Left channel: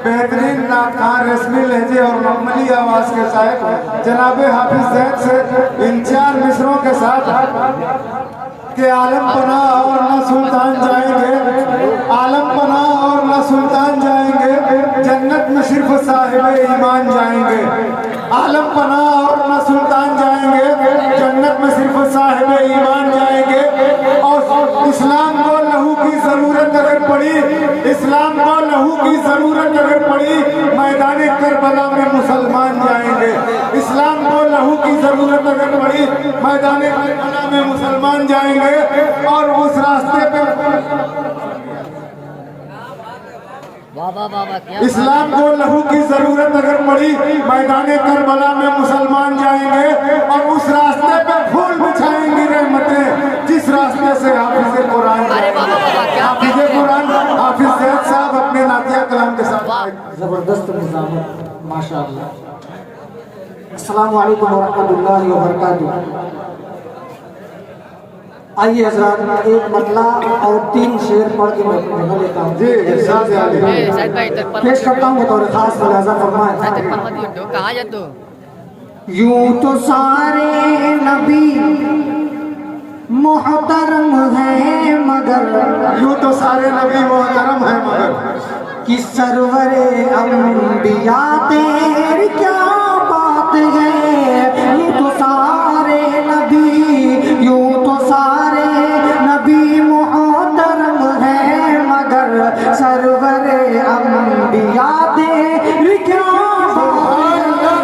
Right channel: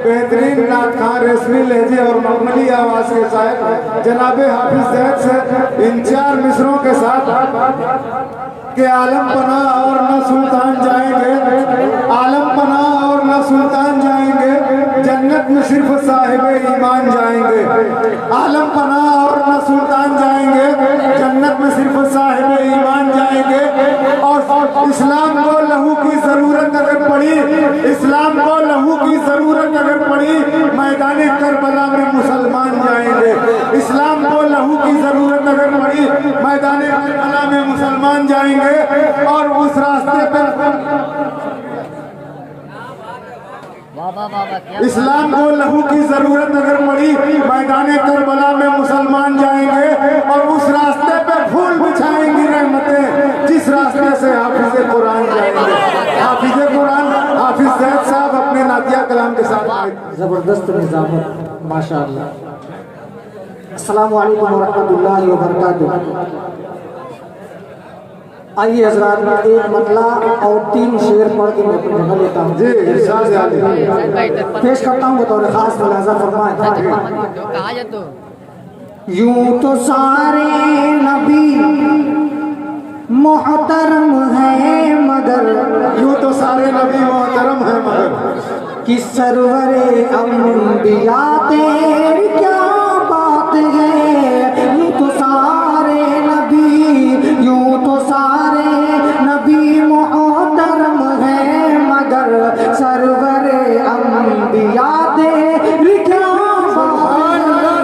बेहतरीन नाटकार रस्मी लहजे और मामूली आवाज के साथ जनाबे हाफिज जैद से इन 4 मिसरों के साथ के आलम पना और न सुल्तान जाएंगे, आलम पना और न सुल्तान जाएंगे, जन्नत में सिर्फ साहिब ईमान जाएंगे। आलम पना और न सुल्तान जाएंगे, जन्नत में सिर्फ साहिब ईमान जाएंगे। और इस्लाम को लहू की जरूरत अगर पड़ी, इस्लाम को लहू की जरूरत अगर पड़ी, मैदान करबला में मुसलमान जाएंगे। इस्लाम को लहू की जरूरत अगर पड़ी, मैदान करबला में मुसलमान जाएंगे। और उस रास्ते पर इस्लाम को लहू की जरूरत अगर पड़ी, मैदान करबला में मुसलमान जाएंगे। और उस रास्ते पे फूल बिछाएंगी रहमतें, जिस रास्ते से हाफिज कुरान जाएंगे। हाफिज कुरान हाफिज जैद साहब अपने नातिया कलाम के साथ जबरदस्त निजाम है माशाअल्लाह। अस्सलाम वालेकुम रहमतुल्लाहि व बरकातुहू। आइए हज़रात, एक मतला और 3 शेर पढ़ के मैं लेता हूँ। पेश करता हूँ बतौर खास मुलाज़ा फरमाएं। यूं तो सारे नबी मोहतरम है मगर, यूं तो सारे नबी मोहतरम है मगर, कि सरवरे अंबिया तेरी क्या बात है। यूं तो सारे नबी, यूं तो सारे नबी मोहतरम है मगर, सरवरे अंबिया तेरी क्या बात है।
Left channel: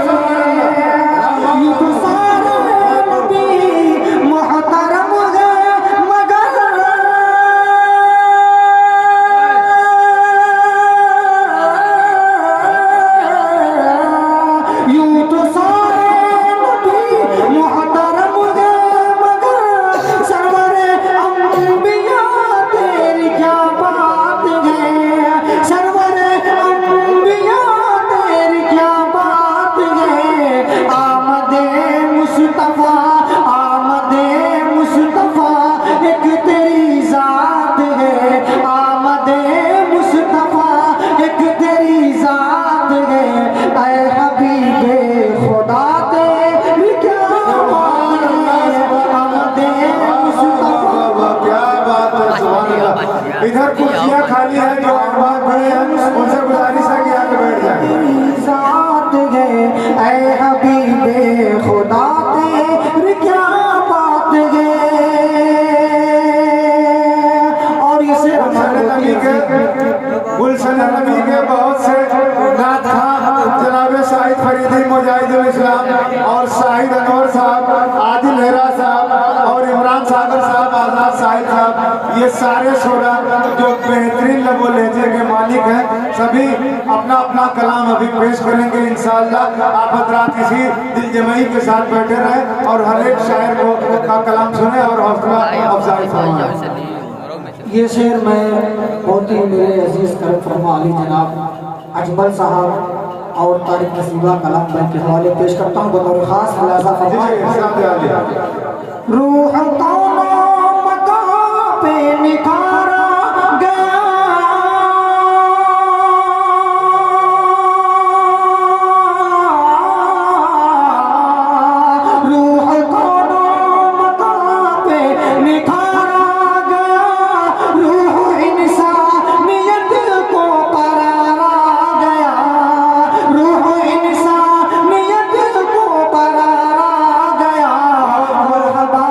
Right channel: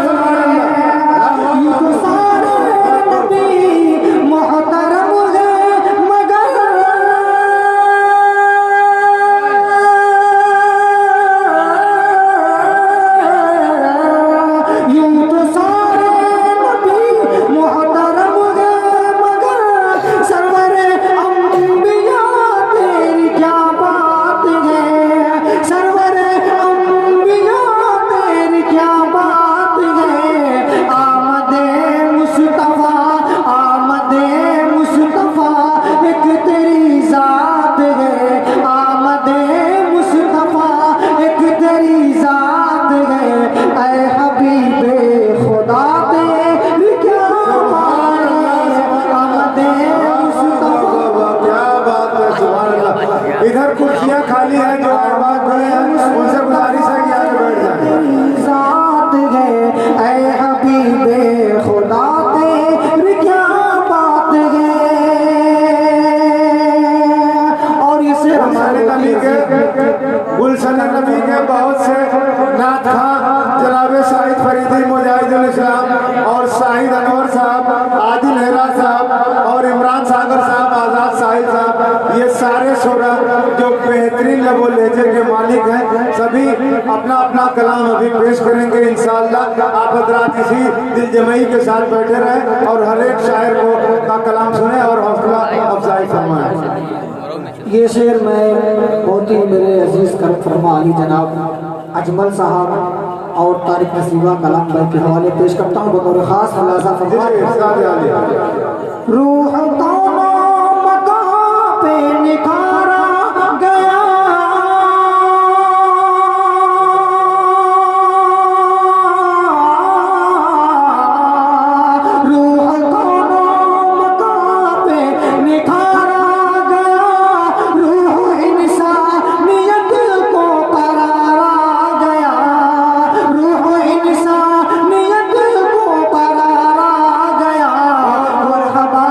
यूं तो सारे नबी मोहतरम है मगर, यूं तो सारे नबी मोहतरम है मगर, सरवरे अंबिया तेरी क्या बात है। सरवरे अंबिया तेरी क्या बात है। आमदे मुस्तफा, आमदे मुस्तफा एक तेरी जात है। आमदे मुस्तफा एक तेरी जात है। ऐ हबीबे खुदा तेरी क्या बात है। आमदे मुस्तफा क्या बात है, सुभान अल्लाह। इधर कुर्सियां खाली है, जो आवाज बड़े हैं उनसे गुजारिश है कि आगे बैठ जाए। जात है। ऐ हबीबे खुदा तेरी क्या बात है। और इसे हमारे नबी के गुलशन नबी के बहुत से नात जनाबे शाहिद फरीदी मुजाहिदुल इस्लाम और शाहिद अनवर साहब, आदिल हेरा साहब और इमरान सागर साहब, आजाद साहिद साहब, ये सारे शोरा जो बेहतरीन लबो लहजे के मालिक हैं, सभी अपना अपना कलाम अभी पेश करेंगे इंशाअल्लाह। आप हज़रात इसी दिलजमई के साथ बैठे रहें और हर एक शायर को का कलाम सुने और हौसला अफजाई फरमाएं। ये शेर मैं बहुत ही मेरे अजीज करम फरमा अली जनाब अजमल साहब और तारिक नसीबा कलम भाई के हवाले पेश करता हूँ बतौर खास मुलाज़ा फरमाएं। रूह तो नामता पे निखारा गया, रूह को नामता पे निखारा गया। रूह इंसानियत को करारा गया। रूह इंसानियत को करारा गया। मरहबा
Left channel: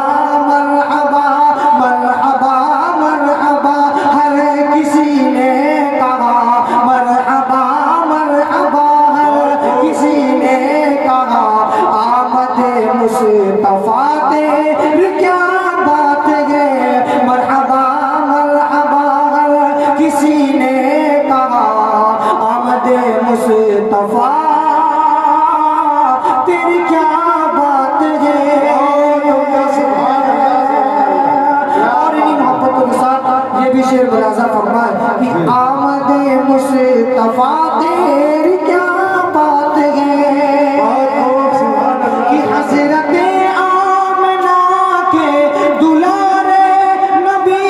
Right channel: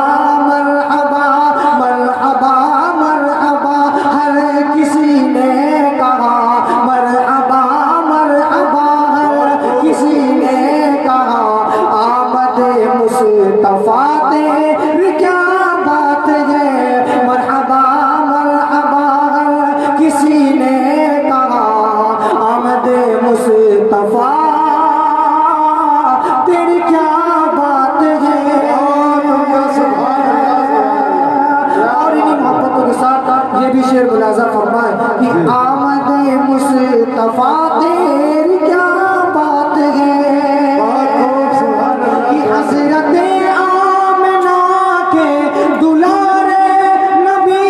भी शेर मुलाजा फरमाए कि आमदे मुस्तफा तेरी क्या बात है कि हज़रत आमना के दुलारे नबी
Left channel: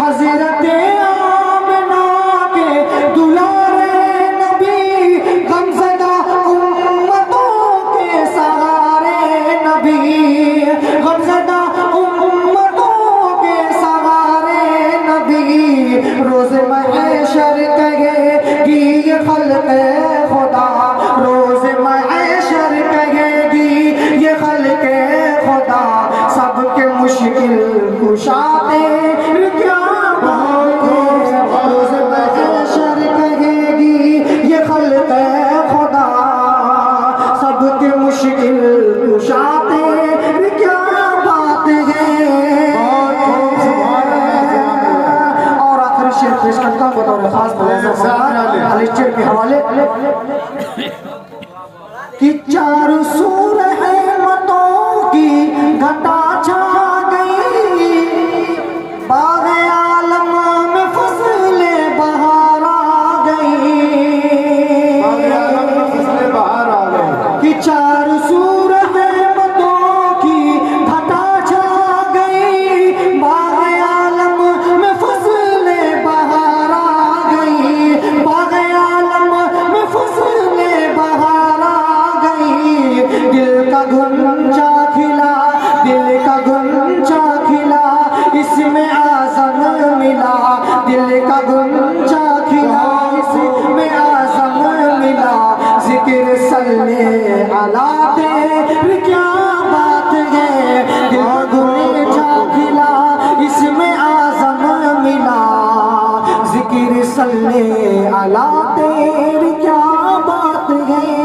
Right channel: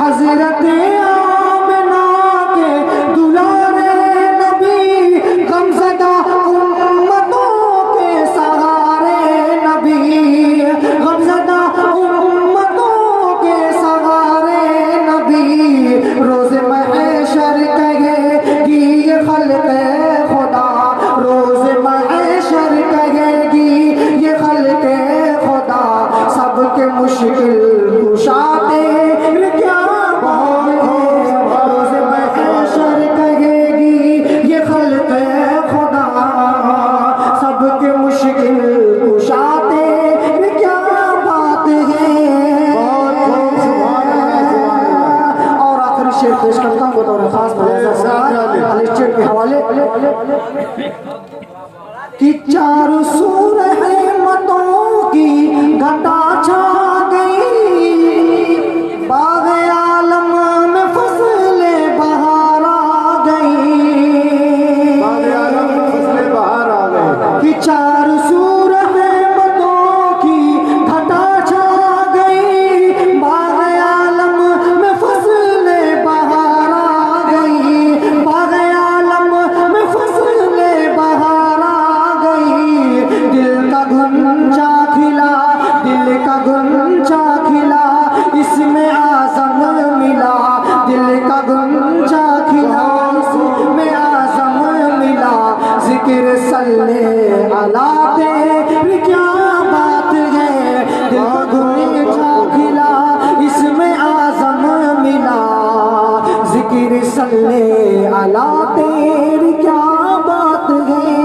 हज़रत आमना के दुलारे नबी गमज़दा उम्मतों के सहारे नबी गमज़दा उम्मतों के सहारे नबी रोज़े महशर कहेगी ये खल्क़े खुदा रोज़े महशर कहेगी ये खल्क़े खुदा सबके मुश्किल कुशा तेरी क्या बात है रोज़े महशर कहेगी ये खल्क़े खुदा सबके मुश्किल कुशा तेरी क्या बात है और आखिरी शेर पेश करता हूँ बतौर खास शेर के हवाले कि चार सूर रहमतों की घटा छा गई बाग़े आलम में फसले बहार आ गई कि चार सूर रहमतों की घटा छा गई बाग़े आलम में फसले बहार आ गई बाग़े आलम में फसले बहार आ गई दिल का गुंजा खिला दिल का गुंजा खिला इसमें आज़म मिला दिल का गुंजा खिला इसमें आज़म मिला जिक्र सल्ले अला तेरी क्या बात है दिल का गुंजा खिला इसमें आज़म मिला जिक्र सल्ले अला तेरी क्या बात है।